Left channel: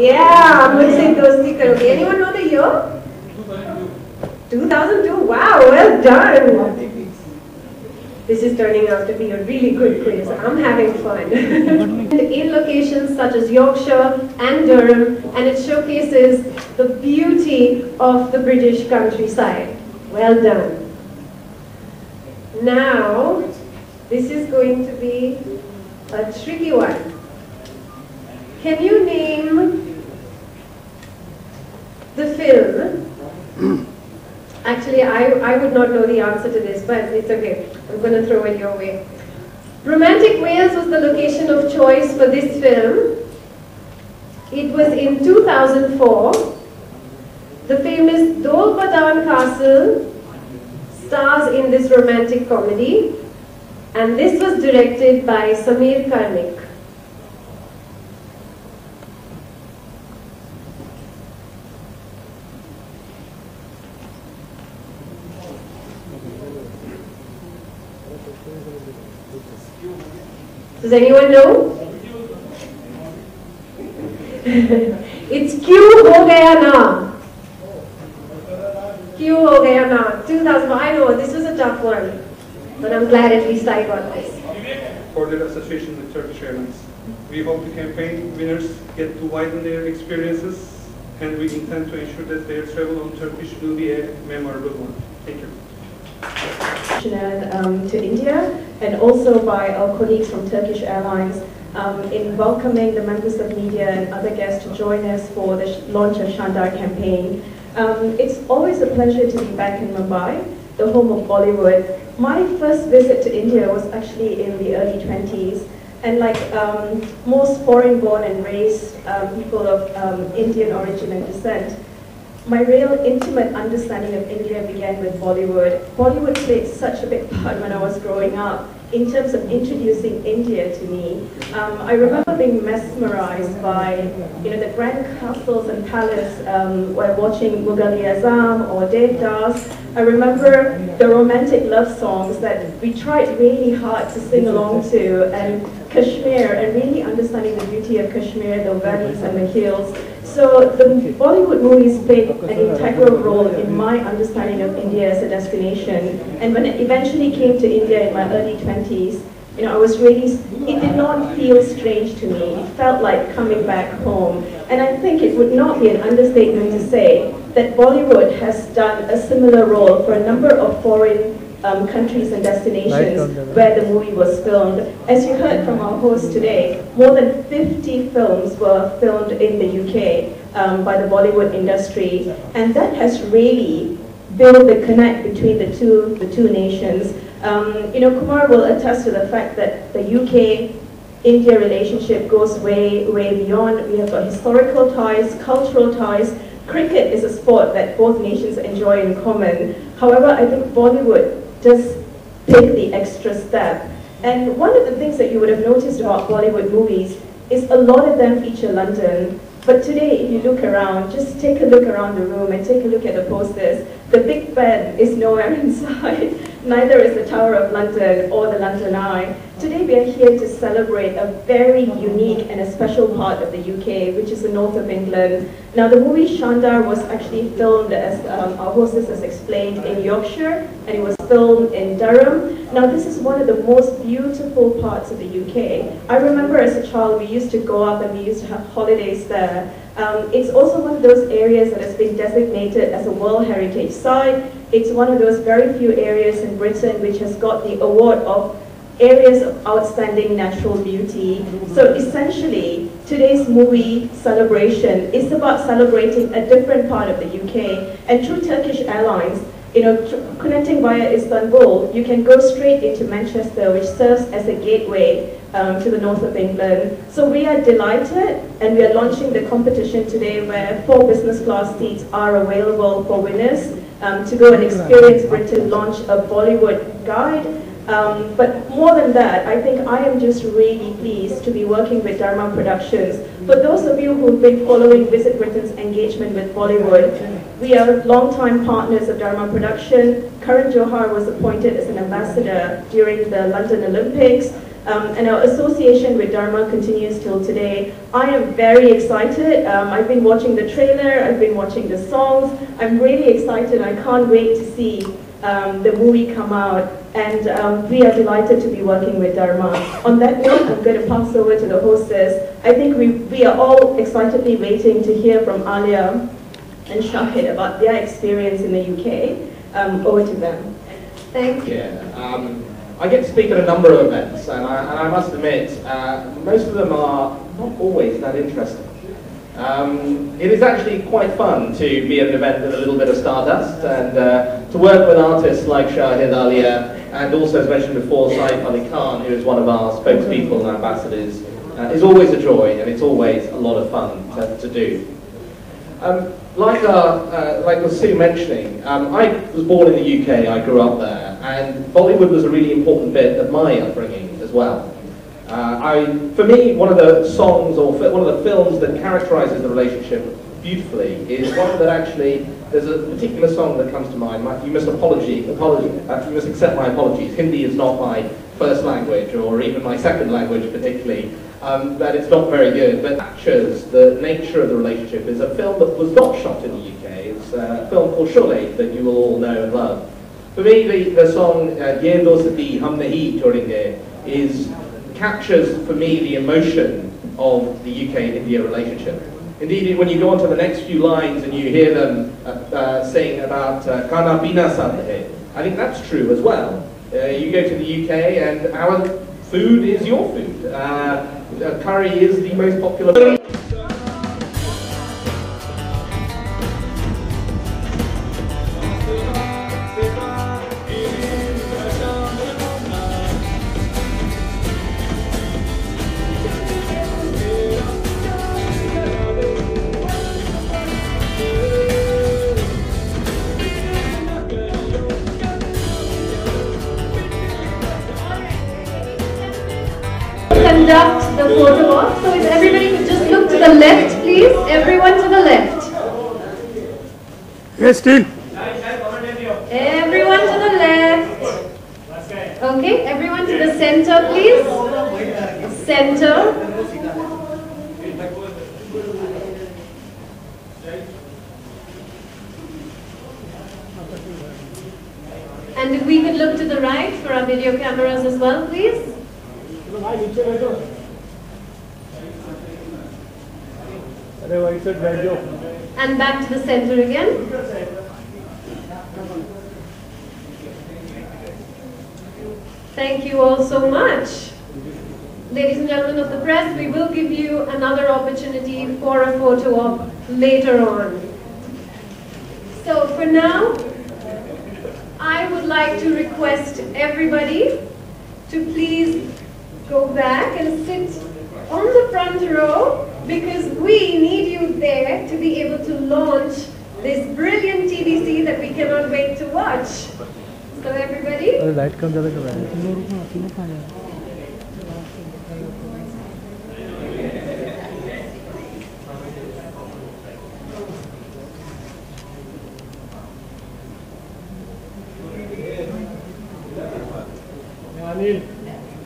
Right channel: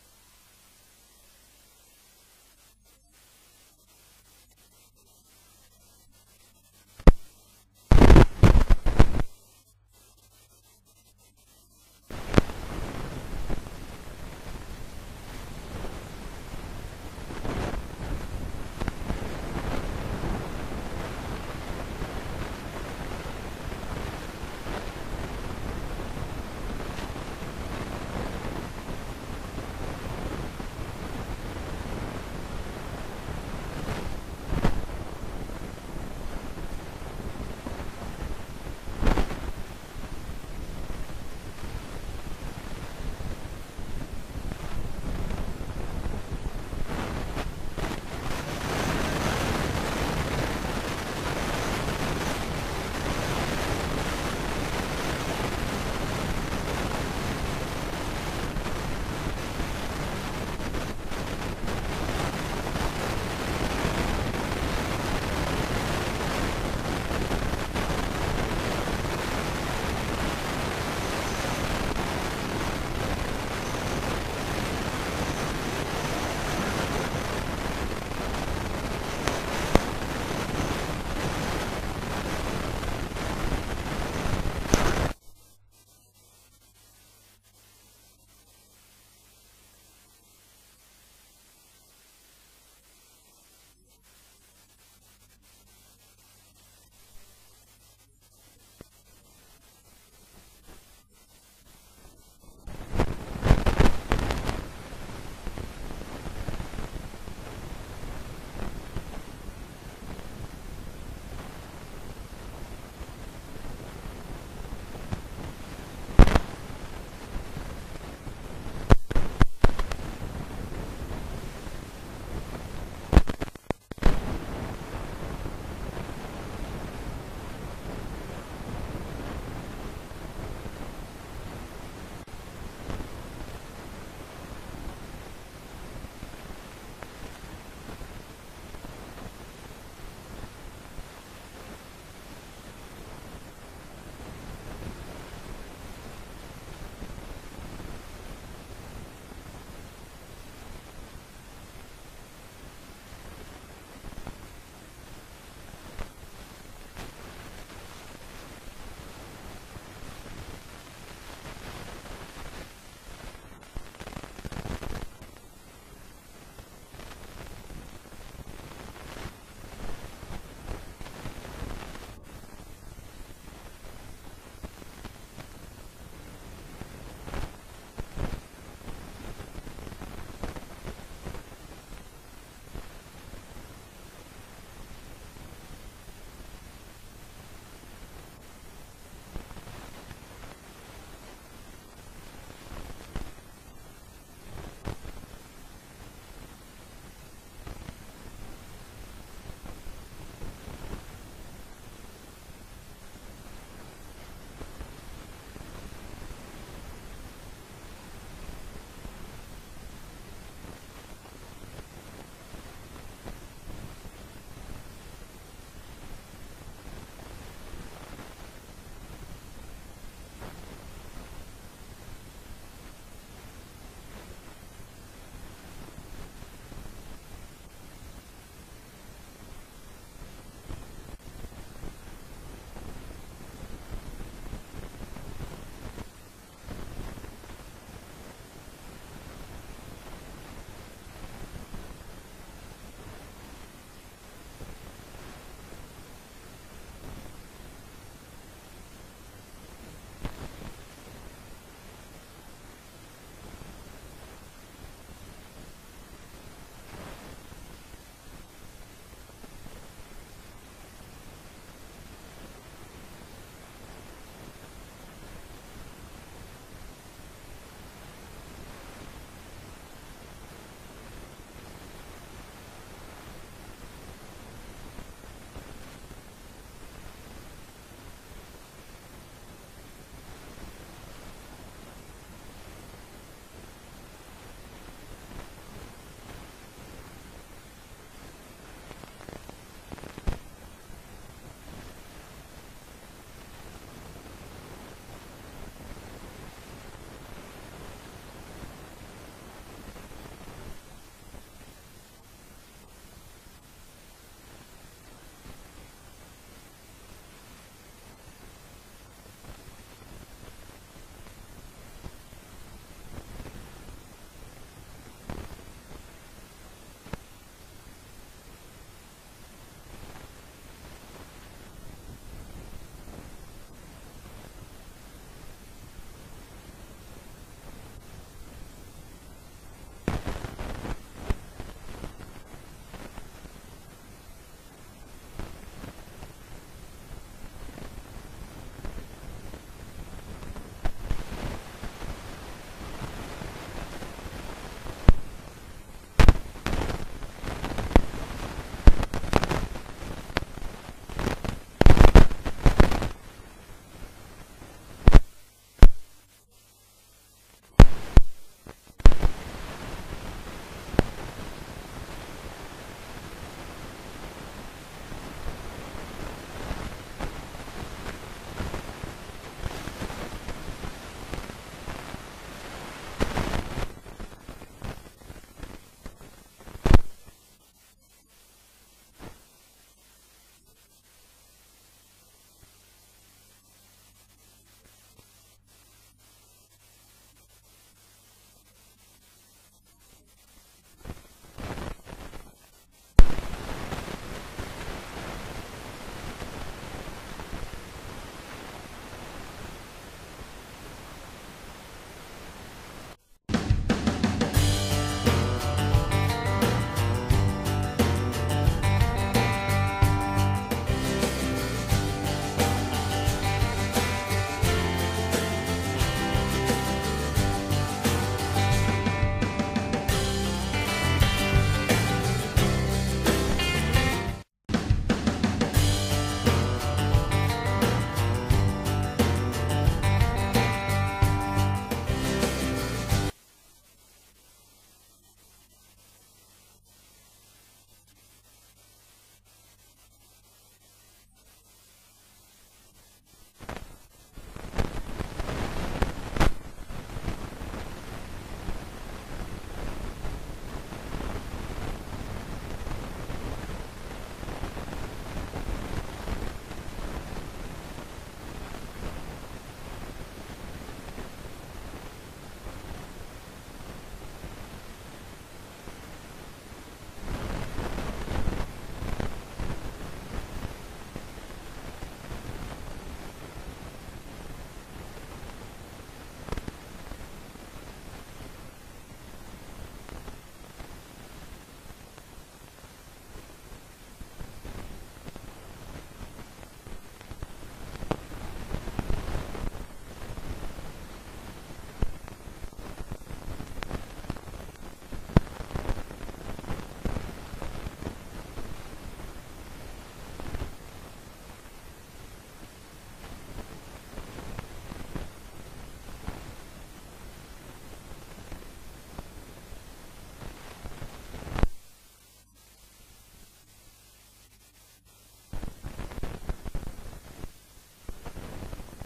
Yeah, Mujhse Dosti Karoge. Anyone know the year? 2002. Wow, well done. This is turning out to be a really good quiz. I'm having fun. In locations such as Yorkshire and Durham, and it showcases the beauty of the British countryside. Well done. Now, this is going to be a tricky one. Can you name the film? Actually, I would not know the answer to this, but it's okay. I'm going to throw it your way. Romantic Wales was the location of choice for this film. It was in 2004. The famous Dolpadhan Castle stars in this romantic comedy, and this was directed by Sameer Karnik. Does anyone know? It's Kyun Ho Gaya Na. Kyun Ho Gaya Na. 2000. I know this was a tough one, but I'm glad at least I got this. For their association with Turkish Airlines, we hope the campaign winners get to widen their experiences, and we intend to ensure that their travel on Turkish will be a memorable one. Thank you. To India, and also by our colleagues from Turkish Airlines in welcoming the members of the media and other guests to join us for the launch of Shaandaar campaign. It's always a pleasure to be back in Mumbai, the home of Bollywood. My first visit to India was actually in the early 20s, and like most foreign-born and raised people of Indian origin and descent, my real intimate understanding of India began with Bollywood. Bollywood played such a big part when I was growing up in terms of introducing India to me. I remember being mesmerized by the grand castles and palaces while watching Mughal-e-Azam or Devdas. I remember the romantic love songs that we tried really hard to sing along to, and Kashmir, and really understanding the beauty of Kashmir, the valleys and the hills. So the Bollywood movies played an integral role in my understanding of India as a destination. And when it eventually came to India in my early 20s, I was really, it did not feel strange to me. It felt like coming back home. And I think it would not be an understatement to say that Bollywood has done a similar role for a number of foreign countries and destinations where the movie was filmed. As you heard from our host today, more than 50 films were filmed in the UK by the Bollywood industry, and that has really built the connect between the two nations. Kumar will attest to the fact that the UK-India relationship goes way, way beyond. We have got historical ties, cultural ties. Cricket is a sport that both nations enjoy in common. However, I think Bollywood does take the extra step. And one of the things that you would have noticed about Bollywood movies is a lot of them feature London. But today, if you look around, just take a look around the room and take a look at the posters. The Big Ben is nowhere in sight. Neither is the Tower of London or the London Eye. Today we are here to celebrate a very unique and a special part of the UK, which is the north of England. Now the movie Shaandaar was actually filmed, as our hostess has explained, in Yorkshire, and it was filmed in Durham. Now this is one of the most beautiful parts of the UK. I remember as a child we used to go up and we used to have holidays there. It's also one of those areas that has been designated as a World Heritage Site. It's one of those very few areas in Britain which has got the award of areas of outstanding natural beauty. So essentially, today's movie celebration is about celebrating a different part of the UK. And through Turkish Airlines, connecting via Istanbul, you can go straight into Manchester, which serves as a gateway to the north of England. So we are delighted, and we are launching the competition today where 4 business class seats are available for winners to go and experience Britain launch a Bollywood guide. But more than that, I think I am just really pleased to be working with Dharma Productions. For those of you who've been following Visit Britain's engagement with Bollywood, we are longtime partners of Dharma Production. Karan Johar was appointed as an ambassador during the London Olympics. And our association with Dharma continues till today. I am very excited. I've been watching the trailer, I've been watching the songs. I'm really excited. I can't wait to see the movie come out. And we are delighted to be working with Dharma. On that note, I'm going to pass over to the hostess. I think we are all excitedly waiting to hear from Alia and Shahid about their experience in the UK. Over to them. Thank you. Yeah, I get to speak at a number of events, and I must admit, most of them are not always that interesting. It is actually quite fun to be at an event with a little bit of stardust, and to work with artists like Shahid Alia, and also, as mentioned before, Raitaa Phail Gaya, who is one of our spokespeople and ambassadors, is always a joy, and it's always a lot of fun to do. Like was Sue mentioning, I was born in the UK, I grew up there, and Bollywood was a really important bit of my upbringing as well. For me, one of the songs or one of the films that characterises the relationship beautifully is one that actually, there's a particular song that comes to mind. You must accept my apologies. Hindi is not my first language, or even my second language particularly. That it's not very good, but captures the nature of the relationship. Is a film that was not shot in the UK. It's a film called Sholay that you will all know and love. For me, the song Ye Dostati Hum Nahi Chhodenge captures for me the emotion of the UK-India relationship. Indeed, when you go on to the next few lines and you hear them sing about Kana Pina Sab Hai, I think that's true as well. You go to the UK and our food is your food. Curry is the most popular. Conduct the photo op. So if everybody could just look to the left, please. Everyone to the left. Yes, still. Everyone to the left. Okay, everyone to the center, please. Center. And if we could look to the right for our video cameras as well, please. And back to the center again. Thank you all so much. Ladies and gentlemen of the press, we will give you another opportunity for a photo op later on. So for now, I would like to request everybody to please go back and sit on the front row, because we need you there to be able to launch this brilliant TVC that we cannot wait to watch. So everybody.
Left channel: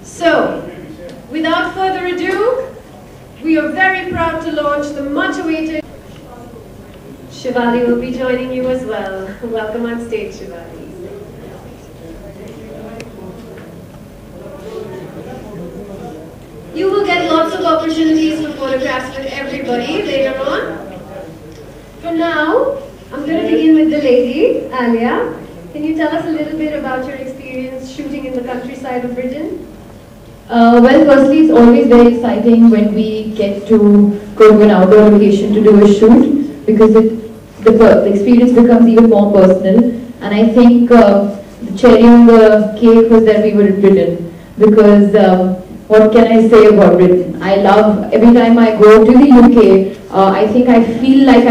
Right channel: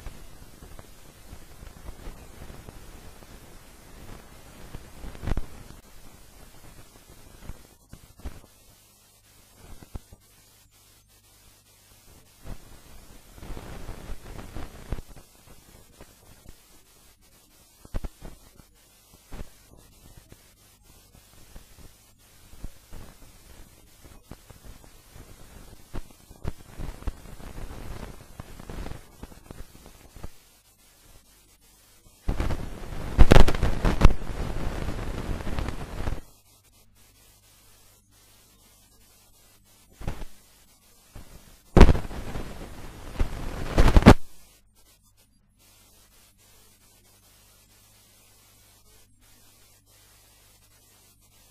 So, without further ado, we are very proud to launch the much-awaited. Shivali will be joining you as well. Welcome on stage, Shivali. You will get lots of opportunities for photographs with everybody later on. For now, I'm going to begin with the lady, Alia. Can you tell us a little bit about your experience shooting in the countryside of Britain? Well, firstly, it's always very exciting when we get to go to an outdoor location to do a shoot, because the experience becomes even more personal. And I think the cherry on the cake was that we were in Britain, because what can I say about Britain? I love, every time I go to the UK, I think I feel like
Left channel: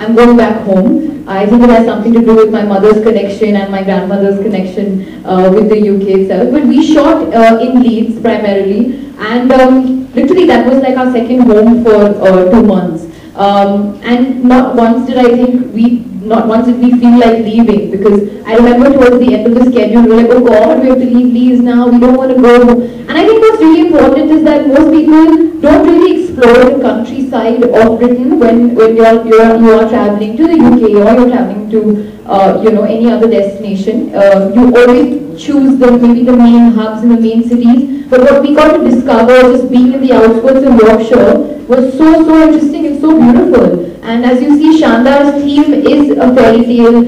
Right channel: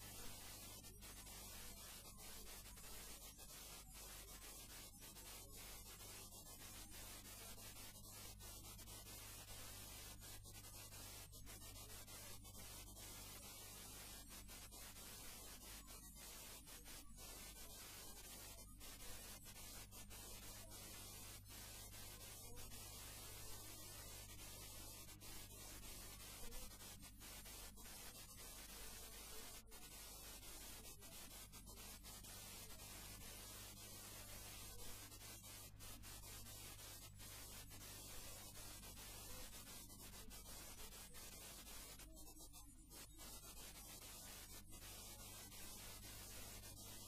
I'm going back home. I think it has something to do with my mother's connection and my grandmother's connection with the UK itself. But we shot in Leeds primarily, and literally that was like our second home for 2 months. And not once did we feel like leaving, because I remember towards the end of the schedule we were like, oh God, we have to leave Leeds now, we don't want to go. And I think what's really important is that most people don't really explore the countryside of Britain when you are traveling to the UK or you're traveling to any other destination. You always choose maybe the main hubs in the main cities. But what we got to discover just being in the outskirts of Yorkshire was so interesting and so beautiful. And as you see, Shaandaar's theme is a fairy tale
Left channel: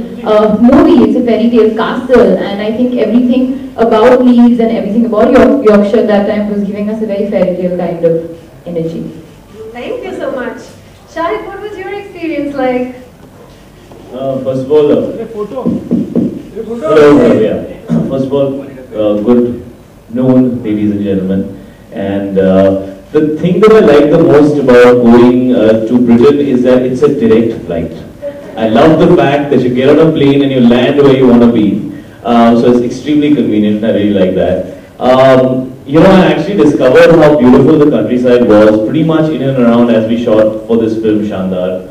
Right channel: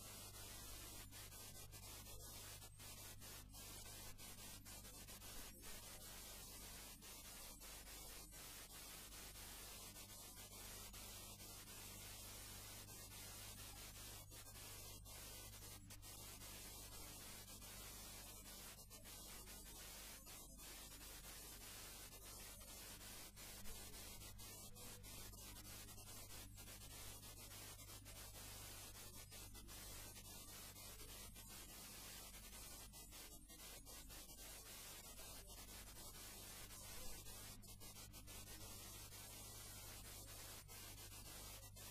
movie. It's a fairy tale castle, and I think everything about Leeds and everything about Yorkshire that time was giving us a very fairy tale kind of energy. Thank you so much. Shahid, what was your experience like? First of all, First of all, good noon, ladies and gentlemen. And the thing that I like the most about going to Britain is that it's a direct flight. I love the fact that you get on a plane and you land where you want to be. So it's extremely convenient. I really like that. I actually discovered how beautiful the countryside was pretty much in and around as we shot for this film Shaandaar.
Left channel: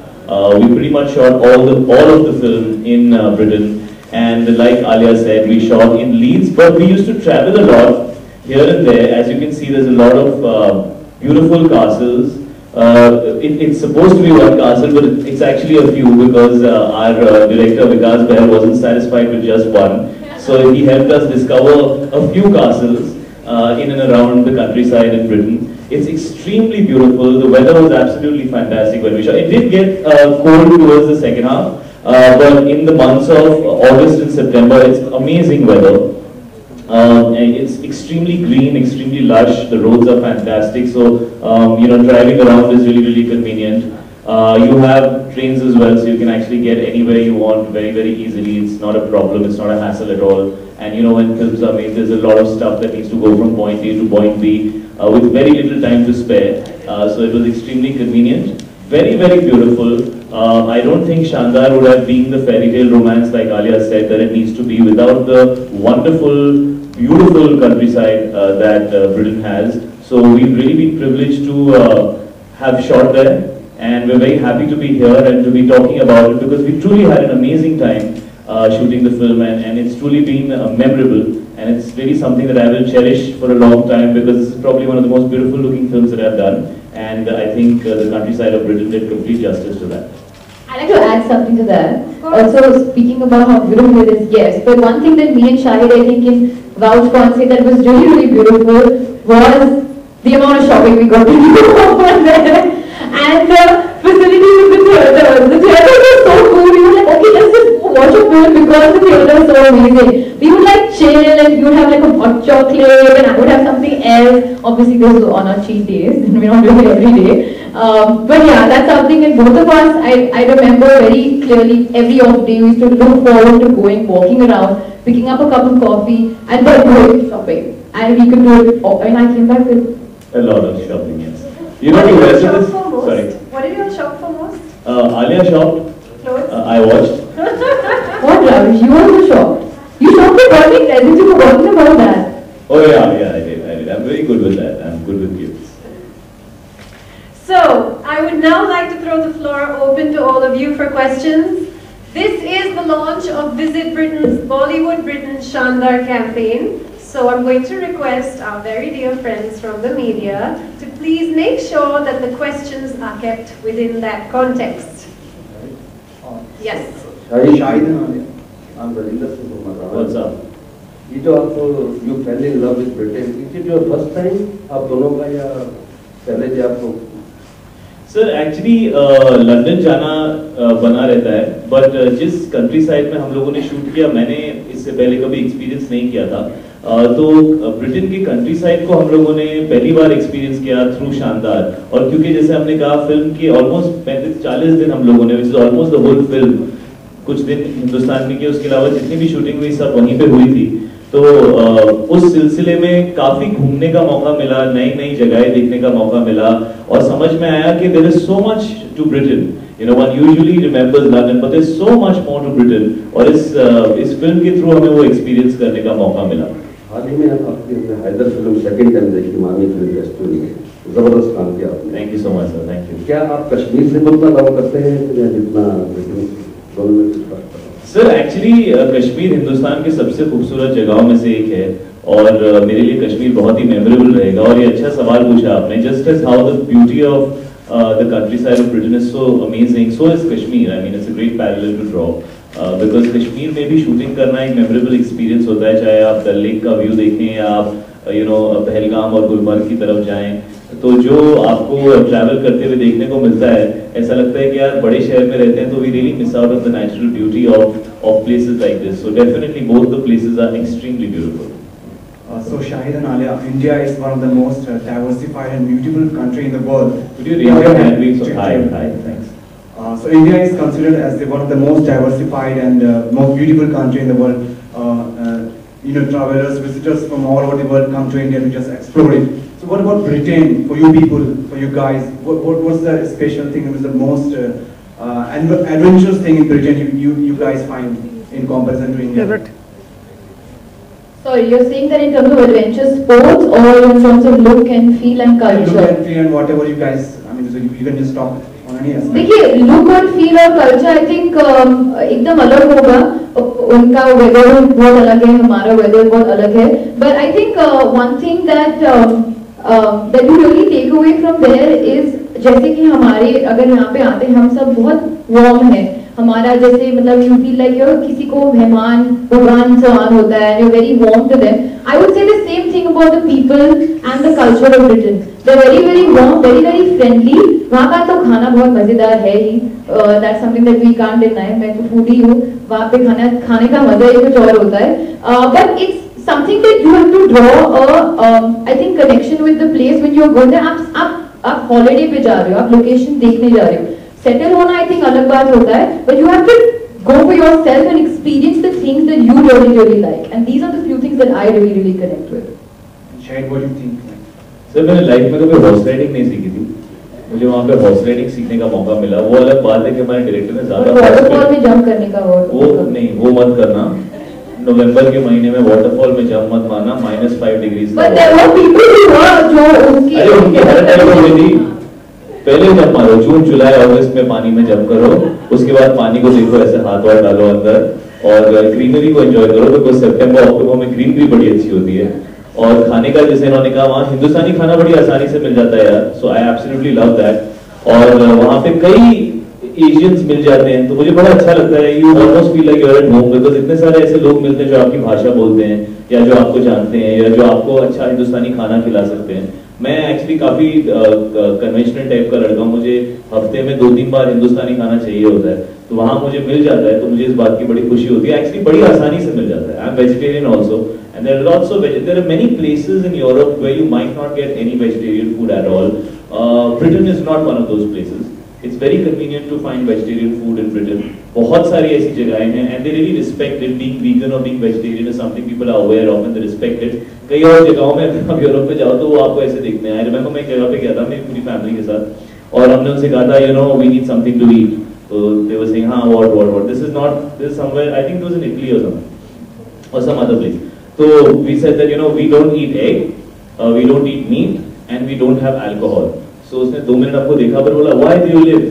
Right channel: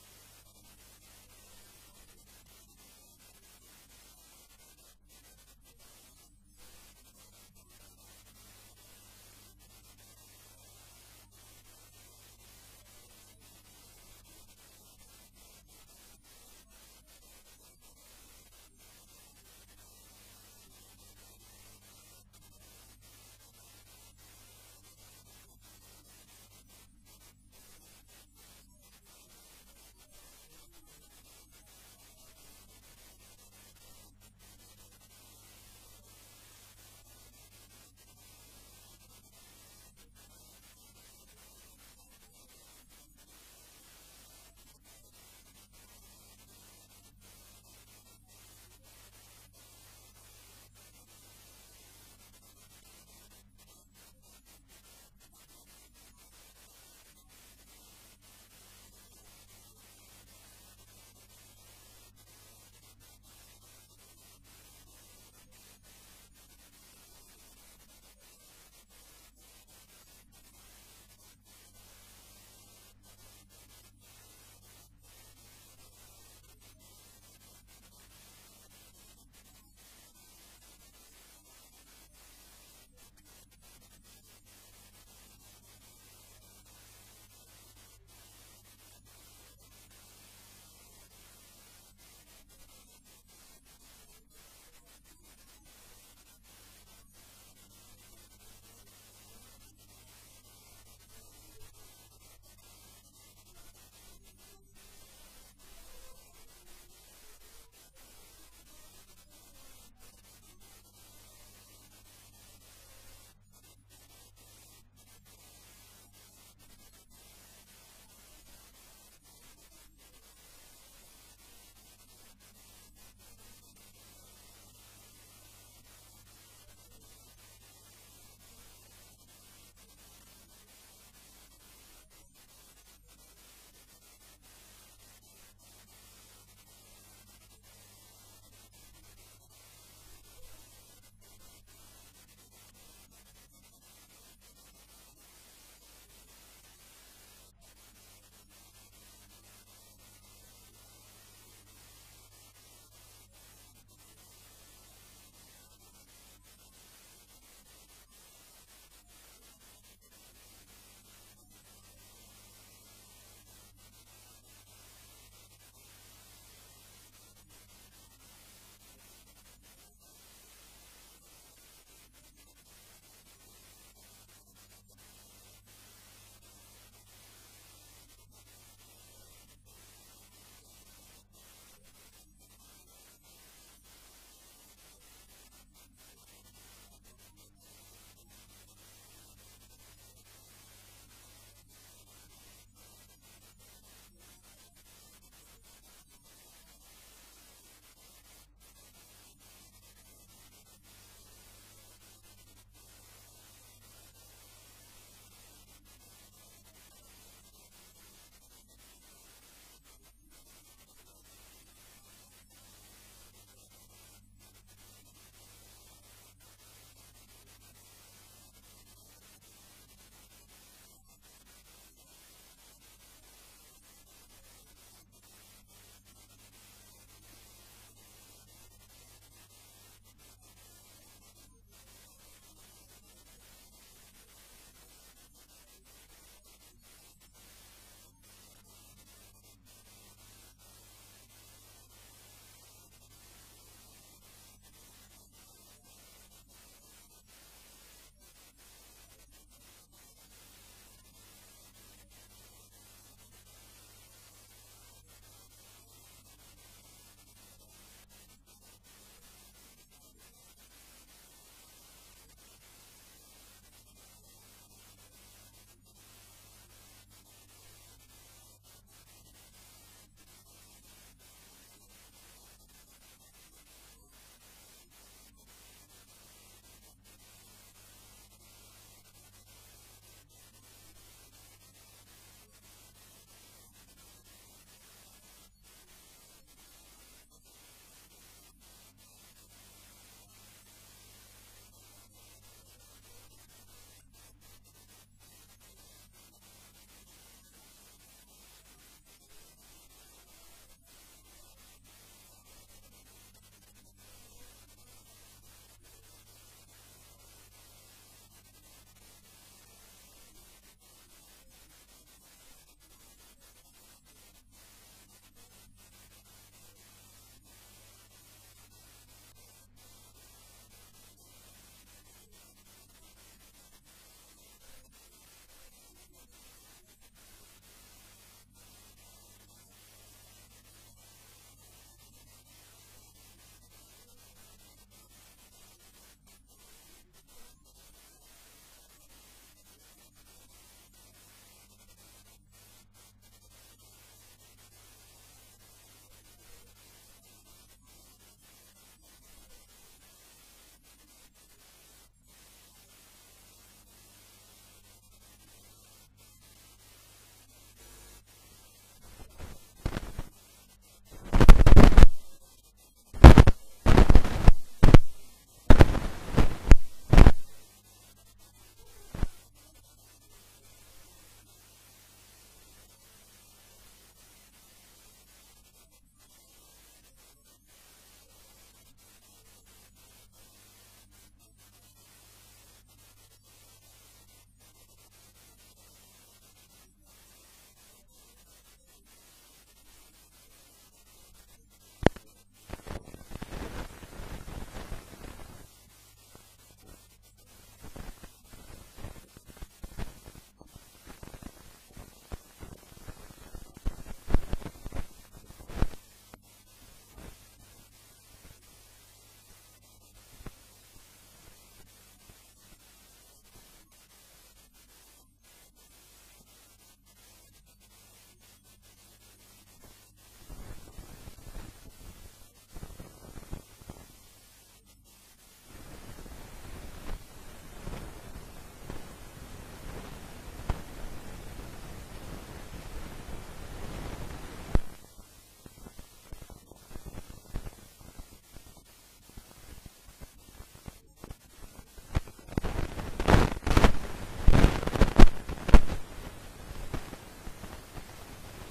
We pretty much shot all of the film in Britain, and like Alia said, we shot in Leeds, but we used to travel a lot here and there. As you can see, there's a lot of beautiful castles. It's supposed to be one castle, but it's actually a few because our director Vikas Bahl wasn't satisfied with just one. So he helped us discover a few castles in and around the countryside in Britain. It's extremely beautiful. The weather was absolutely fantastic when we shot. It did get cold towards the second half, but in the months of August and September, it's amazing weather. And it's extremely green, extremely lush. The roads are fantastic, so driving around is really convenient. You have trains as well, so you can actually get anywhere you want very easily. It's not a problem. It's not a hassle at all. And when films are made, there's a lot of stuff that needs to go from point A to point B with very little time to spare. So it was extremely convenient. Very beautiful. I don't think Shaandaar would have been the fairy tale romance like Alia said that it needs to be without the wonderful, beautiful countryside that Britain has. So we've really been privileged to have shot there, and we're very happy to be here and to be talking about it because we truly had an amazing time shooting the film, and it's truly been memorable, and it's really something that I will cherish for a long time because this is probably one of the most beautiful looking films that I've done, and I think the countryside of Britain did complete justice to that. I'd like to add something to that. Also, speaking about how beautiful it is, yes, but one thing that me and Shahid, I think, can vouch for and say that was really beautiful was the amount of shopping we got to do over there. And the facilities in the theaters. The theaters were so cool. We were like, okay, let's just watch a film because the theater is so amazing. We would like chill and we would have like a hot chocolate and I would have something else. Obviously, this was on our cheat days and we're not doing it every day. But yeah, that's something, and both of us, I remember very clearly every off day we used to look forward to walking around, picking up a cup of coffee and then going shopping. And we could do it, and I came back with a lot of shopping, yes. What did you shop for most? Sorry. What did you shop for most? Alia shopped. Clothes? I watched. What, Ravish? You also shopped. You shopped for birthday presents. You were talking about that. Oh yeah, I did. I'm very good with that. I'm good with gifts. So, I would now like to throw the floor open to all of you for questions. This is the launch of Visit Britain's Bollywood Britain Shaandaar campaign. So I'm going to request our very dear friends from the media to please make sure that the questions are kept within that context. Yes. Shahid, What's up? You fell in love with Britain. Is it your first time? आप दोनों का या पहले से आपको? Sir actually London जाना बना रहता है, बट जिस कंट्री साइड में हम लोगों ने शूट किया मैंने इससे पहले कभी एक्सपीरियंस नहीं किया था, तो ब्रिटेन के कंट्री साइड को हम लोगों ने पहली बार एक्सपीरियंस किया थ्रू शानदार। और क्योंकि जैसे हमने कहा फिल्म के ऑलमोस्ट 35-40 दिन हम लोगों ने, which is almost the whole film, कुछ दिन हिंदुस्तान में किए, उसके अलावा जितनी भी शूटिंग हुई सब वहीं पे हुई थी। तो उस सिलसिले में काफी घूमने का मौका मिला, नई नई जगहें देखने का मौका मिला, और समझ में आया कि there is so much to Britain. You know, one usually remembers London, but there's so much more to Britain. और इस फिल्म के थ्रू हमें वो एक्सपीरियंस करने का मौका मिला। हाल ही में आपकी हैदर फिल्म सेकंड टाइम देखी, मामी फिल्म फेस्टिवल में जबरदस्त काम किया आपने। Thank you so much sir, thank you. क्या आप कश्मीर से उतना लव करते हैं या जितना ब्रिटेन दोनों में कुछ फर्क? सर एक्चुअली कश्मीर हिंदुस्तान के सबसे खूबसूरत जगहों में से एक है, और मेरे लिए कश्मीर बहुत ही मेमोरेबल रहेगा। और ये अच्छा सवाल पूछा आपने, just as how the beauty of the countryside of Britain is so amazing, so is Kashmir. I mean, it's a great parallel to draw. Because Kashmir में भी शूटिंग करना एक मेमोरेबल एक्सपीरियंस होता है, चाहे आप डल लेक का व्यू देखें या आप पहलगाम और गुलमर्ग की तरफ जाएं, तो जो आपको ट्रैवल करते हुए देखने को मिलता है, ऐसा लगता है कि यार बड़े शहर में रहते हैं तो we really miss out of the natural beauty of places like this. So definitely both the places are extremely beautiful. So Shahid and Alia, India is one of the most diversified and beautiful country in the world. Could you raise your hand, please? Hi, thanks. So India is considered as one of the most diversified and most beautiful country in the world. Travelers, visitors from all over the world come to India to just explore it. So what about Britain for you people, for you guys? What's the special thing? What's the most adventurous thing in Britain you guys find in comparison to India? Yeah, right. Sorry, you're saying that in terms of adventure sports or in terms of look and feel and culture? Look and feel and whatever you guys, I mean, so you can just talk on any aspect. देखिए, look और feel और culture, I think एकदम अलग होगा। उनका weather बहुत अलग है, हमारा weather बहुत अलग है। But I think one thing that you really take away from there is, जैसे कि हमारे अगर यहाँ पे आते हैं हम सब बहुत warm हैं, हमारा जैसे मतलब you feel like you're किसी को मेहमान भगवान समान होता है, you're very warm to them. I would say the same thing about the people and the culture of Britain. They're very very warm, very very friendly. वहाँ का तो खाना बहुत मजेदार है ही, that's something that we can't deny. मैं तो foodie हूँ, वहाँ पे खाने का मजा ही कुछ और होता है. But it's something that you have to draw I think connection with the place when you're going there. आप holiday पे जा रहे हो, आप location देखने जा रहे हो. Settle होना I think अलग बात होता है, but you have to go for yourself and experience the things that you really like, and these are the few things that I really connect with. Shahid, what do you think? Sir मैंने life में कभी horse riding नहीं सीखी थी, मुझे वहाँ पे horse riding सीखने का मौका मिला। वो अलग बात है कि हमारे डायरेक्टर ने ज़्यादा वाटरफॉल में जंप करने का वो नहीं, वो मत करना। नवंबर के महीने में वाटरफॉल में जंप मत मारना, -5 डिग्री। अरे उनकी हालत ऐसी हो गई थी, पहले जंप मारो, जून जुलाई अगस्त में पानी में जंप करो, उसके बाद पानी को देखो, ऐसे हाथ वाथ डालो अंदर और ग्रीनरी को एंजॉय करो, बिकॉज सितंबर अक्टूबर में ग्रीनरी बड़ी अच्छी होती है। और खाने का जैसे इन्होंने कहा, वहाँ हिंदुस्तानी खाना बड़ी आसानी से मिल जाता है यार, सो आई एब्सोल्युटली लव दैट। और वहाँ पे कई एशियंस मिल जाते हैं, तो मुझे बड़ा अच्छा लगता है। You almost feel like you are at home, because इतने सारे ऐसे लोग मिलते हैं जो आपकी भाषा बोलते हैं या जो आपको जानते हैं या जो आपको अच्छा हिंदुस्तानी खाना खिला सकते हैं। मैं एक्चुअली काफी कन्वेंशनल टाइप का लड़का हूँ, मुझे हफ्ते में 2-3 बार हिंदुस्तानी खाना चाहिए होता है, तो वहाँ मुझे मिल जाता है, तो मुझे इस बात की बड़ी खुशी होती है। एक्चुअली बड़ी आसानी से मिल जाता है। I am vegetarian also, and there are lots of there are many places in Europe where you might not get any vegetarian food at all. Britain is not one of those places. It's very convenient to find vegetarian food in Britain. बहुत सारी ऐसी जगहें हैं and they really respect it. Being vegan or being vegetarian is something people are aware of and they respect it. कई और जगहों में आप यूरोप में जाओ तो वो आपको ऐसे देखते हैं। I remember मैं एक जगह पे गया था मेरी पूरी फैमिली के साथ और हमने उनसे कहा था we need something to eat. So they were saying what this is somewhere, I think it was in Italy or something or some other place. So we said that we don't eat egg, we don't eat meat and we don't have alcohol. So उसने 2 minute आपको देखा पर बोला why do you live?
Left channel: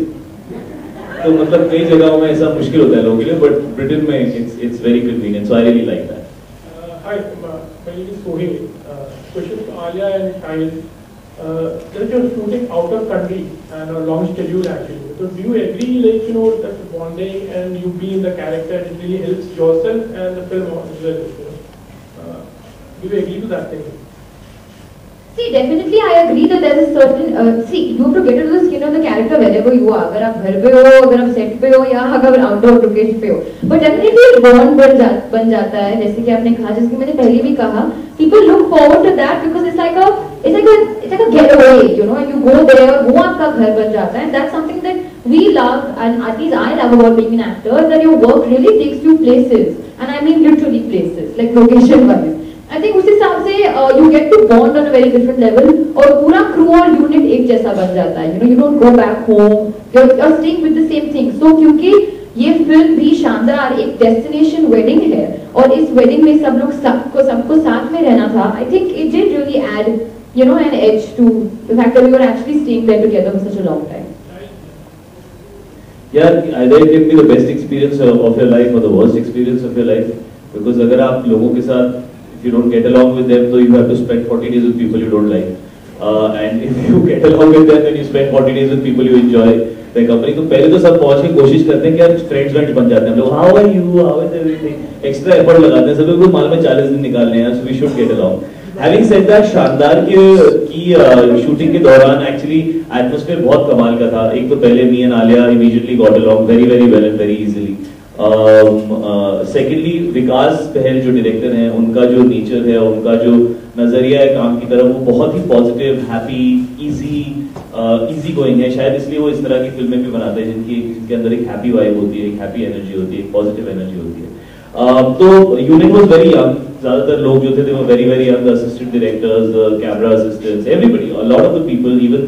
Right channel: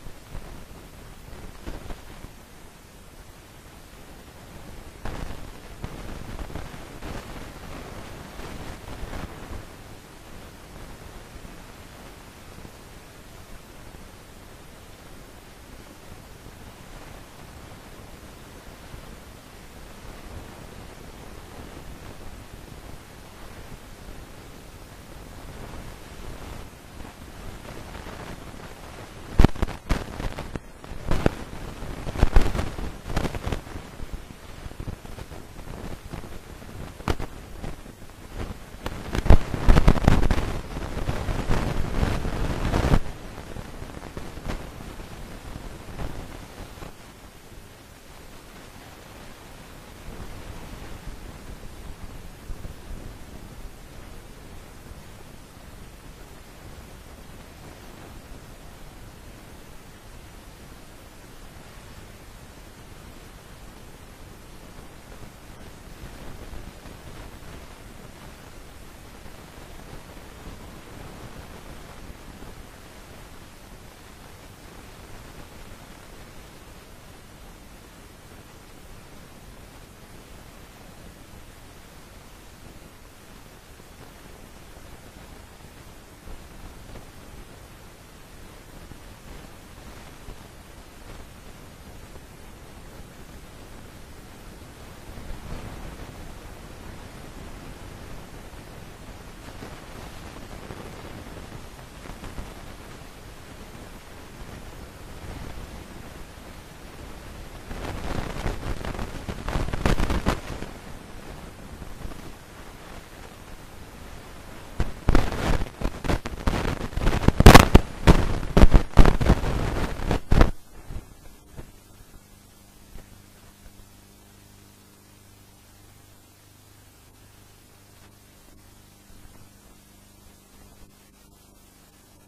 तो मतलब कई जगहों में ऐसा मुश्किल होता है लोगों के लिए, but Britain में it's very convenient, so I really like that. Hi, my name is Sohil. Question to Alia and Shahid. Since you're shooting out of country and a long schedule actually, so do you agree that bonding and you being the character it really helps yourself and the film as well? Do you agree to that thing? See, definitely I agree that there is a certain you have to get into the skin of the character wherever you are. अगर आप घर पे हो, अगर आप set पे हो या अगर आउटडोर लोकेशन पे हो, but definitely एक bond बन जाता है, जैसे कि आपने कहा, जैसे कि मैंने पहले भी कहा, people look forward to that because it's like a getaway, and you go there, वो आपका घर बन जाता है, and that's something that we love, and at least I love about being an actor, that your work really takes you places, and I mean literally places, like location wise. I think उस हिसाब से you get to bond on a very different level और पूरा crew और unit एक जैसा बन जाता है, you don't go back home, you're staying with the same thing. So क्योंकि ये फिल्म भी शानदार एक destination wedding है और इस wedding में सब लोग सबको साथ में रहना था, I think it did really add an edge to the fact that we were actually staying there together for such a long time. Yeah, either it can be the best experience of your life or the worst experience of your life, because अगर आप लोगों के साथ If you don't get along with them, so you have to spend 40 days with people you don't like. And if you get along with them, then you spend 40 days with people you enjoy the company. तो पहले तो सब पहुँच के कोशिश करते हैं कि यार फ्रेंड्स बन जाते हैं हम लोग. How are you? How is everything? Extra effort लगाते हैं. सब लोग को मालूम है 40 दिन निकालने हैं, so we should get along. Having said that, शानदार की शूटिंग के दौरान एक्चुअली एटमॉस्फेयर बहुत कमाल का था. एक तो पहले me and Alia immediately got along very well and very easily. Secondly Vikas Bahl जो डायरेक्टर हैं, उनका जो नेचर है, उनका जो नजरिया है काम की तरफ, वो बहुत ही पॉजिटिव, हैप्पी, इजी गोइंग है. शायद इसलिए वो इस तरह की फिल्में भी बनाते हैं जिनके अंदर एक हैप्पी वाइब होती है, एक हैप्पी एनर्जी होती है, एक पॉजिटिव एनर्जी होती है. तो यूनिट वाज वेरी यंग. ज्यादातर लोग जो थे they were very young, the assistant directors, the camera assistants, everybody, a lot of the people, even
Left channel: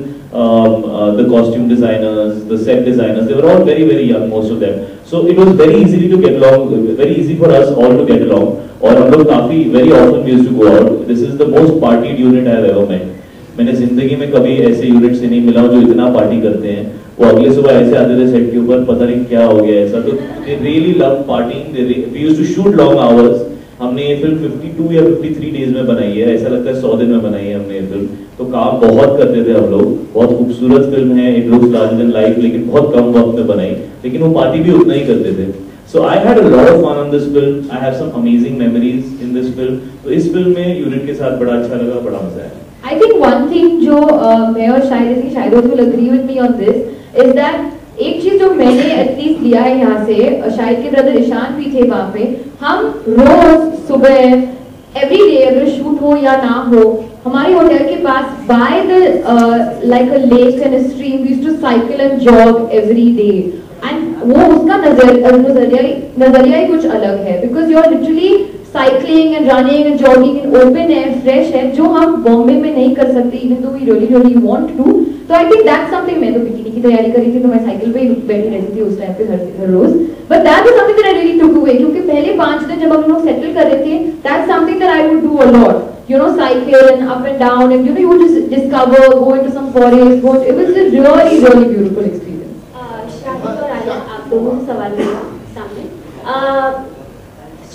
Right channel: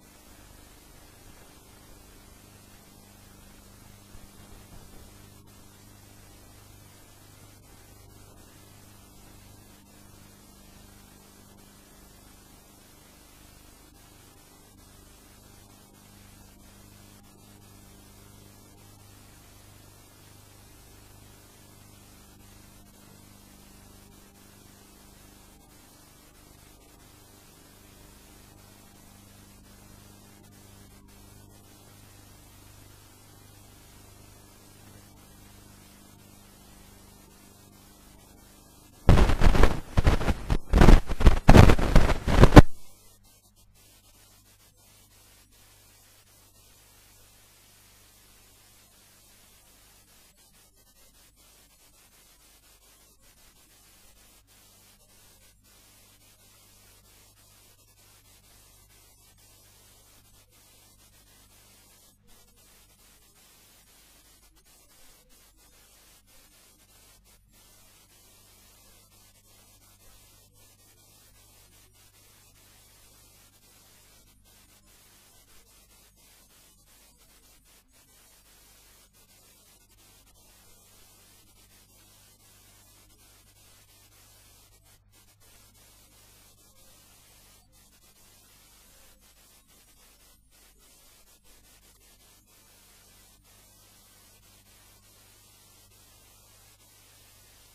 the costume designers, the set designers, they were all very young, most of them. So it was very easy to get along, very easy for us all to get along. और हम लोग काफी very often we used to go out. This is the most partied unit I have ever met. मैंने जिंदगी में कभी ऐसे unit से नहीं मिला जो इतना पार्टी करते हैं. वो अगले सुबह ऐसे आते थे सेट के ऊपर, पता नहीं क्या हो गया ऐसा. तो they really love partying. We used to shoot long hours. हमने ये फिल्म 52 या 53 डेज में बनाई है. ऐसा लगता है 100 दिन में बनाई है हमने ये फिल्म. तो काम बहुत करते थे हम लोग. बहुत खूबसूरत फिल्म है, it looks larger than life, लेकिन बहुत कम वक्त में बनाई. लेकिन वो पार्टी भी उतना ही करते थे. So I had a lot of fun on this film. I have some amazing memories in this film. तो इस फिल्म में यूनिट के साथ बड़ा अच्छा लगा, बड़ा मजा. I think one thing जो मैं और शायद will agree with me on this is that एक चीज जो मैंने एटलीस्ट लिया है यहाँ से, शाहिद के ब्रदर ईशान भी थे वहाँ पे. हम रोज सुबह एवरी डे अगर शूट हो या ना हो, हमारे होटल के पास by the like a lake and a stream we used to cycle and jog every day. And वो उसका नजरिया ही कुछ अलग है, because you are literally cycling and running and jogging in open air, fresh है, जो हम बॉम्बे में नहीं कर सकते even though we really want to. तो आई थिंक दैट्स समथिंग. मैं तो बिकिनी की तैयारी कर रही थी तो मैं साइकिल पे बैठी रहती थी उस टाइम पे हर रोज. But that is something that I really took away, क्योंकि पहले 5 दिन जब हम लोग सेटल कर रहे थे, that's something that I would do a lot. You know, cycle and up and down, and you would just discover, go into some forest. It was a really beautiful experience. Shahid और आलिया, आप दोनों से सवाल मेरा सामने.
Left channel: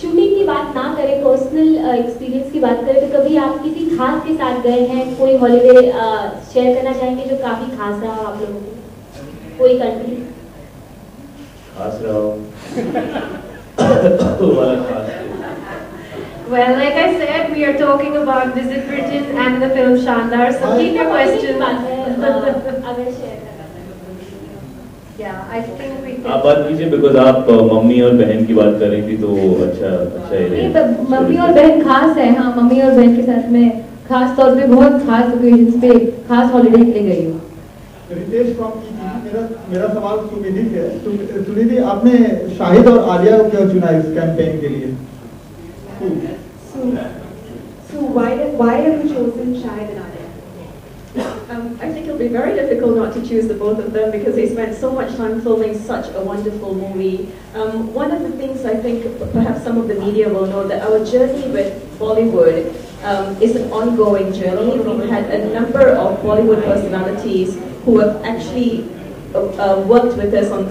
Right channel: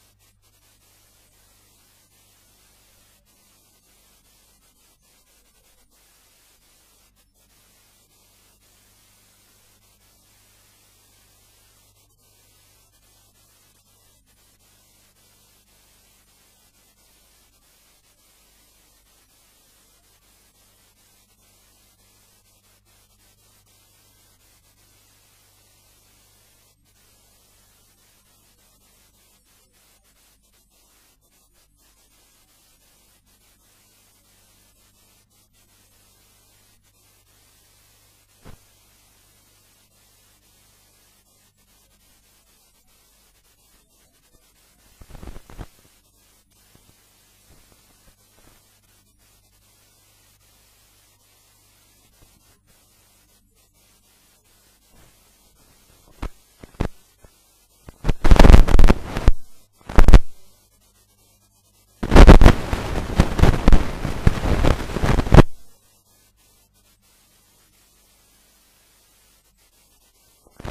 शूटिंग की बात ना करें, पर्सनल एक्सपीरियंस की बात करें, तो कभी आप किसी खास के साथ गए हैं, कोई हॉलीडे शेयर करना चाहेंगे जो काफी खास रहा हो आप लोगों को? कोई कंट्री खास रहा हो तो वाला खास. Well, like I said, we are talking about Visit Britain and the film Shaandaar. So keep your questions. अगर share Yeah, I think we can. आप बात कीजिए, बिकॉज आप मम्मी और बहन की बात कर रही थी, तो अच्छा ही रहेगा. मम्मी और बहन खास है. हाँ, मम्मी और बहन के साथ में खास तौर पे बहुत खास ओकेजन्स पे खास हॉलीडे के लिए गई हूँ. रितेश मेरा सवाल सुनिधि से है. सुनिधि, आपने शाहिद और आलिया को क्यों चुना इस कैंपेन के लिए? So why have you chosen Shahid and Alia? I think it'll be very difficult not to choose the both of them because they spent so much time filming such a wonderful movie. One of the things I think perhaps some of the media will know that our journey with Bollywood is an ongoing journey. We've had a number of Bollywood personalities who have actually worked with us on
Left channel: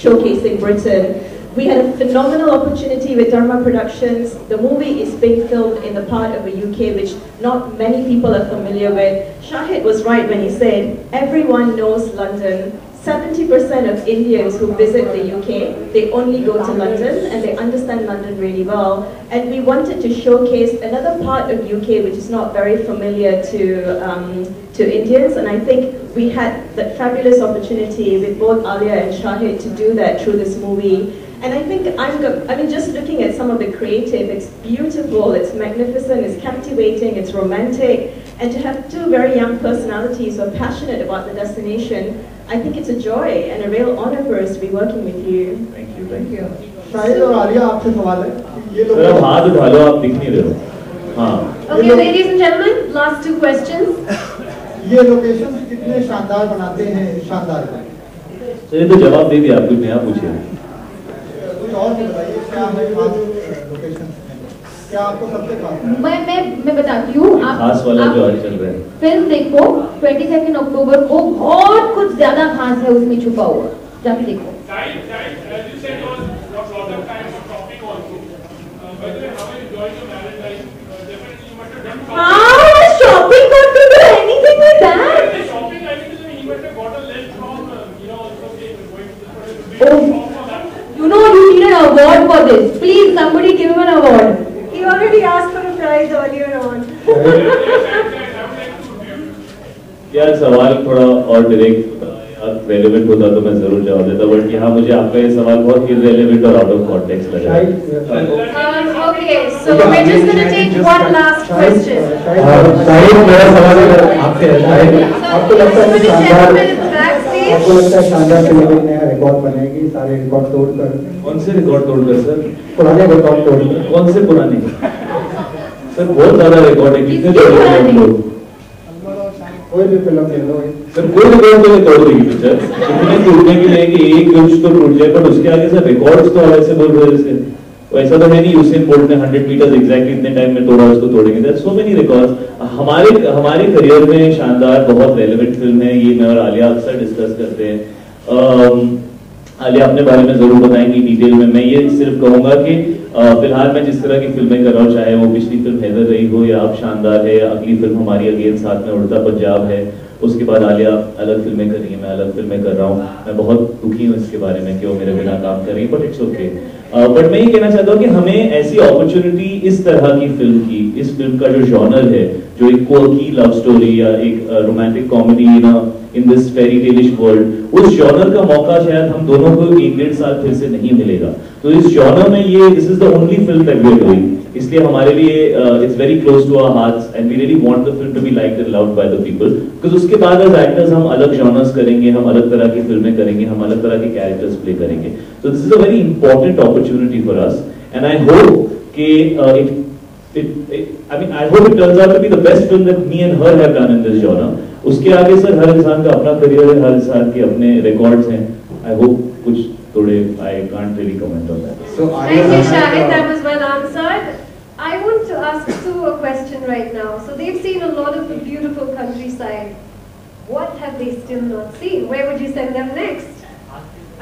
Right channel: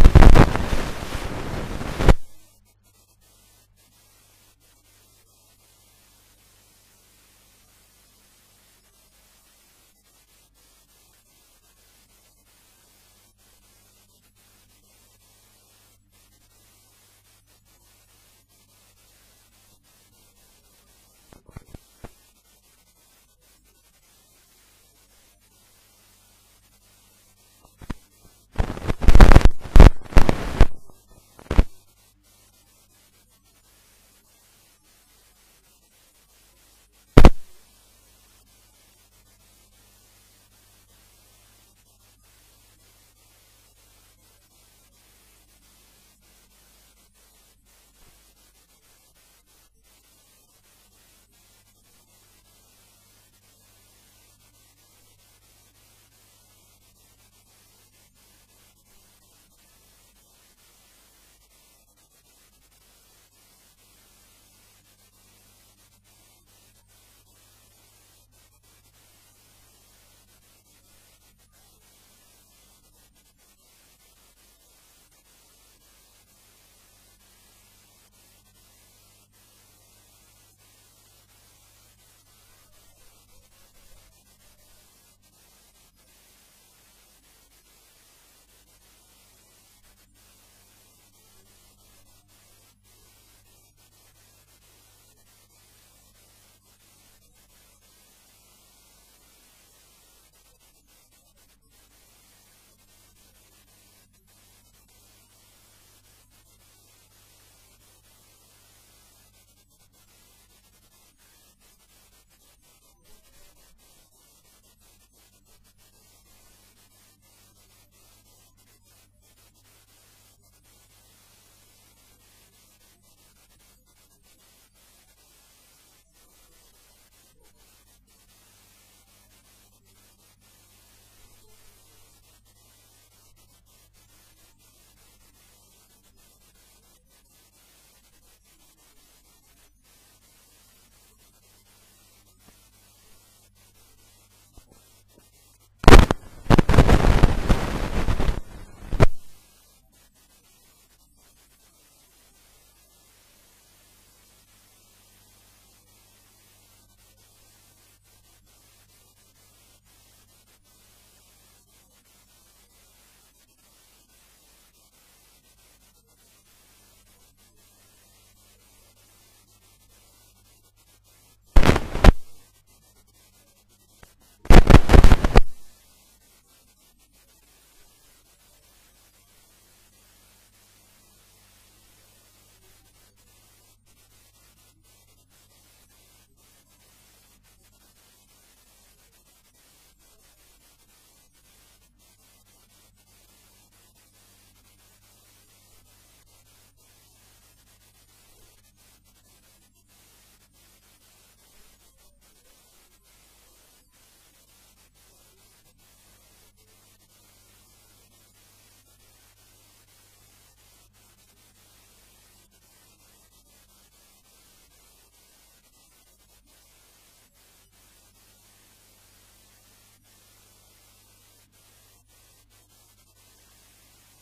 showcasing Britain. We had a phenomenal opportunity with Dharma Productions. The movie is being filmed in the part of the UK which not many people are familiar with. Shahid was right when he said everyone knows London. 70% of Indians who visit the UK, they only go to London and they understand London really well. And we wanted to showcase another part of UK which is not very familiar to Indians. And I think we had that fabulous opportunity with both Alia and Shahid to do that through this movie. And I think, I mean, just looking at some of the creative, it's beautiful, it's magnificent, it's captivating, it's romantic. And to have two very young personalities who are passionate about the destination, I think it's a joy and a real honor for us to be working with you. Thank you. Shahid और आलिया, आपसे सवाल है. ये लोग sir, हाथ उठा लो, आप दिख नहीं रहे हो. हाँ. Okay, ladies and gentlemen, last 2 questions. ये लोकेशन कितने शानदार बनाते हैं शानदार का? सर, ये तो जवाब दे दिया, आप कुछ नया पूछिए. और बताइए क्या है खास लोकेशन, क्या आपको सबसे खास? मैं बताती हूँ. खास वाला जो आज चल रहा है. फिल्म देखो 22 अक्टूबर को, बहुत कुछ ज्यादा खास है उसमें छुपा हुआ. जाके देखो. As you said, was lots of time for shopping also. By the way, how are you enjoying your marriage? How has shopping got to do anything with that? Shopping, I think, he must have got a list from, Oh, you know you need an award for this. Please, somebody give him an award. He already asked for a prize earlier on. यार सवाल थोड़ा और direct relevant होता तो मैं जरूर जवाब देता, बट यहाँ मुझे आपका ये सवाल बहुत इररेलेवेंट और आउट ऑफ कॉन्टेक्स्ट लगा। Okay, so we're just going to take one last question. Shahid, मेरा सवाल आपसे है। शाहिद, आपको लगता है कि शानदार फिल्म एक नया रिकॉर्ड बनेगी, सारे रिकॉर्ड तोड़कर? कौन से रिकॉर्ड तोड़कर सर? पुराने रिकॉर्ड तोड़कर। कौन से पुराने? सर बहुत ज्यादा रिकॉर्ड है, कितने तोड़ेंगे हम लोग? कोई भी फिल्म ले लो सर, कोई रिकॉर्ड तो नहीं तोड़ देगी पिक्चर। इतने टूटने के लिए कि एक कुछ तो टूट जाए, पर उसके आगे सर रिकॉर्ड्स तो अलग से बोल रहे हैं इसके। ऐसा तो है नहीं यूसेन बोल्ट ने 100 मीटर्स एग्जैक्टली इतने टाइम में तोड़ा, उसको तोड़ेंगे। There so many records. हमारे करियर में शानदार बहुत रेलेवेंट फिल्म है, ये मैं और आलिया अक्सर डिस्कस करते हैं। आलिया अपने बारे में जरूर बताएंगी डिटेल में। मैं ये सिर्फ कहूंगा कि फिलहाल मैं जिस तरह की फिल्में कर रहा हूँ, चाहे वो पिछली फिल्म हैदर रही हो या अब शानदार है, या अगली फिल्म हमारी अगेन साथ में उड़ता पंजाब है, उसके बाद आलिया अलग फिल्में कर रही है, मैं अलग फिल्में कर रहा हूँ। मैं बहुत दुखी हूँ इसके बारे में कि वो मेरे बिना काम कर रही है, बट इट्स ओके। बट मैं ये कहना चाहता हूँ कि हमें ऐसी अपॉर्चुनिटी इस तरह की फिल्म की, इस फिल्म का जो जॉनर है, जो एक क्वर्की लव स्टोरी या एक romantic comedy in this fairy taleish world, उस जॉनर का मौका शायद हम दोनों को 1-1.5 साल फिर से नहीं मिलेगा। तो इस जॉनर में ये this is the only film that we are doing, इसलिए हमारे लिए it's very close to our hearts and we really want the film to be liked and loved by the people, because उसके बाद as actors हम अलग genres करेंगे, हम अलग तरह की फिल्में करेंगे, हम अलग तरह के कैरेक्टर्स प्ले करेंगे। So this is a very important opportunity for us, and I hope कि I hope it turns out to be the best film that me and her have done in this genre. उसके आगे sir हर इंसान का अपना career है, हर इंसान के अपने रिकॉर्ड्स हैं। I hope कुछ थोड़े I can't really comment on that. So thank you, Shahid. That was well answered. I want to ask Sue a question right now. So they've seen a lot of the beautiful countryside. What have they still not seen? Where would you send them next?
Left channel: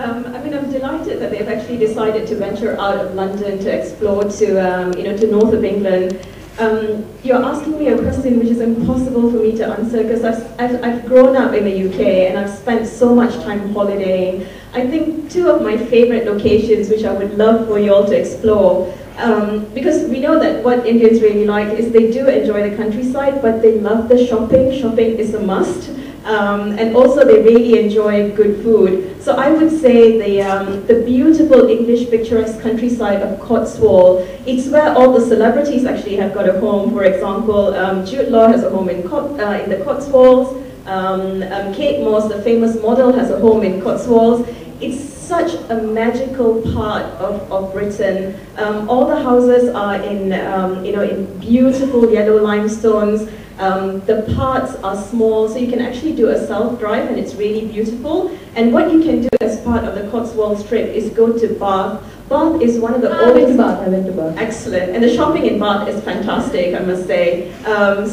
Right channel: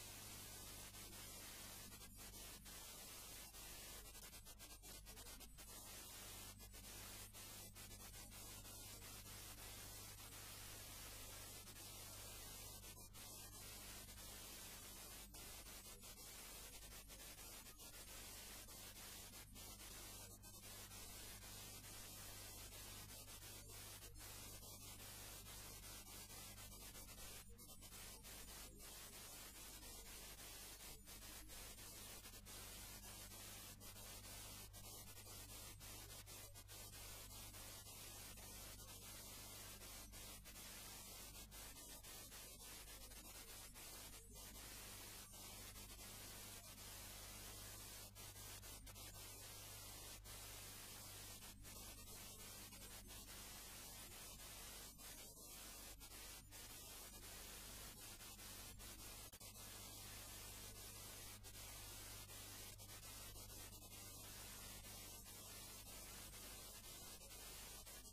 I'm delighted that they've actually decided to venture out of London to explore to north of England. You're asking me a question which is impossible for me to answer because I've grown up in the UK and I've spent so much time holidaying. I think two of my favorite locations which I would love for you all to explore, because we know that what Indians really like is they do enjoy the countryside, but they love the shopping. Shopping is a must. And also they really enjoy good food. So I would say the beautiful English picturesque countryside of Cotswold, it's where all the celebrities actually have got a home. For example, Jude Law has a home in the Cotswolds. Kate Moss, the famous model, has a home in Cotswolds. It's such a magical part of Britain. All the houses are in beautiful yellow limestones. The parts are small, so you can actually do a self-drive and it's really beautiful. And what you can do as part of the Cotswold trip is go to Bath. Bath is one of the oldest... I went to Bath. Excellent. And the shopping in Bath is fantastic, I must say.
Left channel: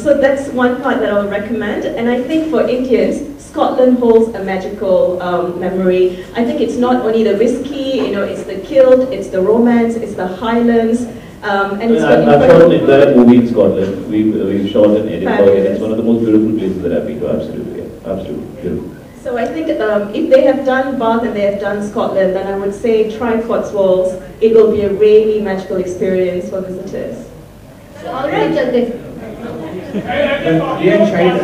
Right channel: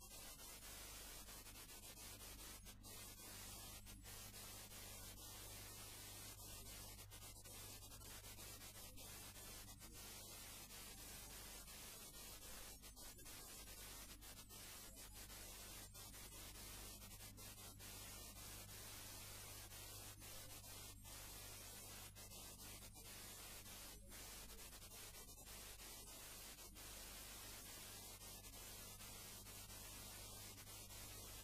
So that's one part that I'll recommend. And I think for Indians, Scotland holds a magical memory. I think it's not only the whiskey, it's the kilt, it's the romance, it's the Highlands. And it's I've shot an entire movie in Scotland. We've shot in Edinburgh, and it's one of the most beautiful places that I've been to. Absolutely, absolutely beautiful. So I think if they have done Bath and they have done Scotland, then I would say try Cotswolds. It will be a really magical experience for visitors. All right, Jaldi. Shahid,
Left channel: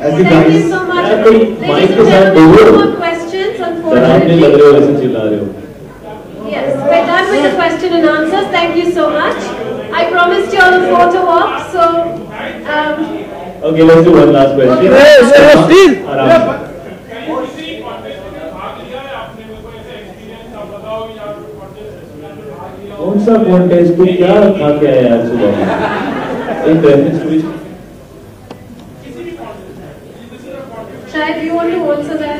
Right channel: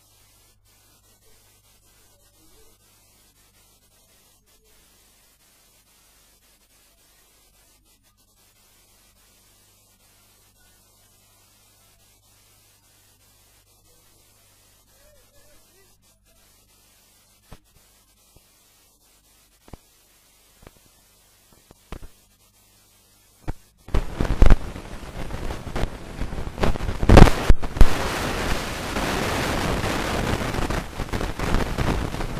as you Thank you guys. so much. Ladies and gentlemen, no more questions, unfortunately. Yes, we're done with the question and answers. Thank you so much. I promised you all a photo walk, so... Okay, let's do one last question. कौन सा contest को क्या खा के आया आज सुबह में? Shahid, you want to answer that?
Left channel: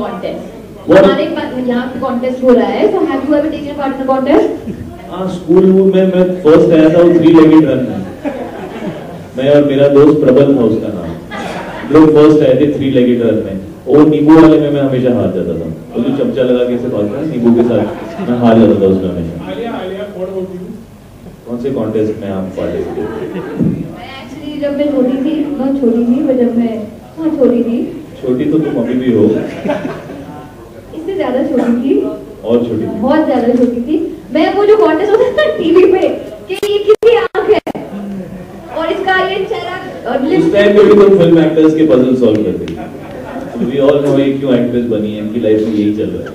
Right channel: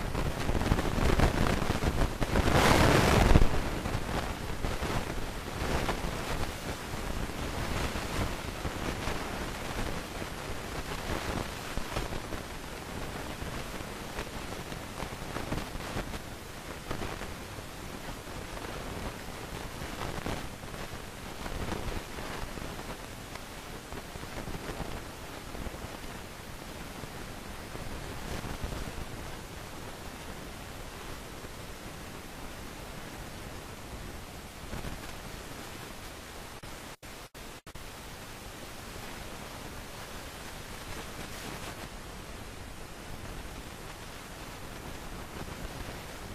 Contest. हमारे यहाँ कॉन्टेस्ट हो रहा है, so have you ever taken part in a contest? हाँ, स्कूल में मैं फर्स्ट आया था, वो 3-legged रन में। मैं और मेरा दोस्त प्रबल था उसका नाम। लोग फर्स्ट आए थे 3-legged रन में। और नींबू वाले में मैं हमेशा हार जाता था। वो जो चमचा लगा के ऐसे भागता है नींबू के साथ, मैं हार जाता था उसमें हमेशा। कौन से कॉन्टेस्ट में आप पार्टिसिपेट? एक्चुअली जब मैं छोटी थी, बहुत छोटी थी, पर जब मैं छोटी थी। छोटी तो तुम अभी भी हो। इससे ज़्यादा छोटी थी। और छोटी थी। बहुत ज़्यादा छोटी थी। मैं वो जो कॉन्टेस्ट होता था टीवी पे कि ये किसकी आँख है और इसका ये चेहरा और उस टाइम पे भी तुम फिल्म एक्टर्स के पजल सॉल्व करते थे। We all know ये क्यों एक्ट्रेस बनी है, इनकी लाइफ में यही चल रहा है।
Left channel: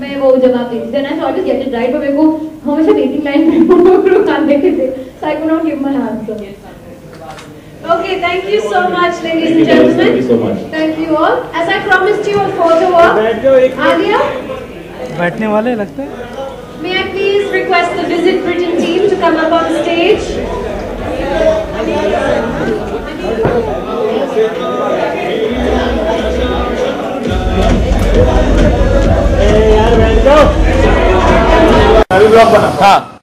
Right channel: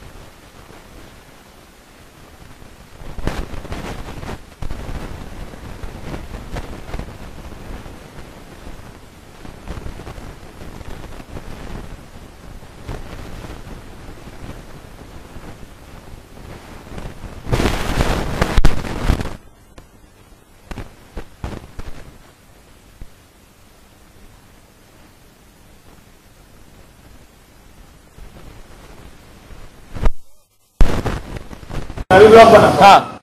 मैं वो जवाब देती थी, I always get it right, पर मेरे को हमेशा बेसिक लाइन में रुका देते थे, so I could not give my answer. Okay, thank you so much, ladies and gentlemen. Thank you so much. Thank you all. As I promised you a photo op, Alia, बैठने वाले लगते हैं। may I please request the Visit Britain team to come up on stage? यार बैठ जाओ। हाँ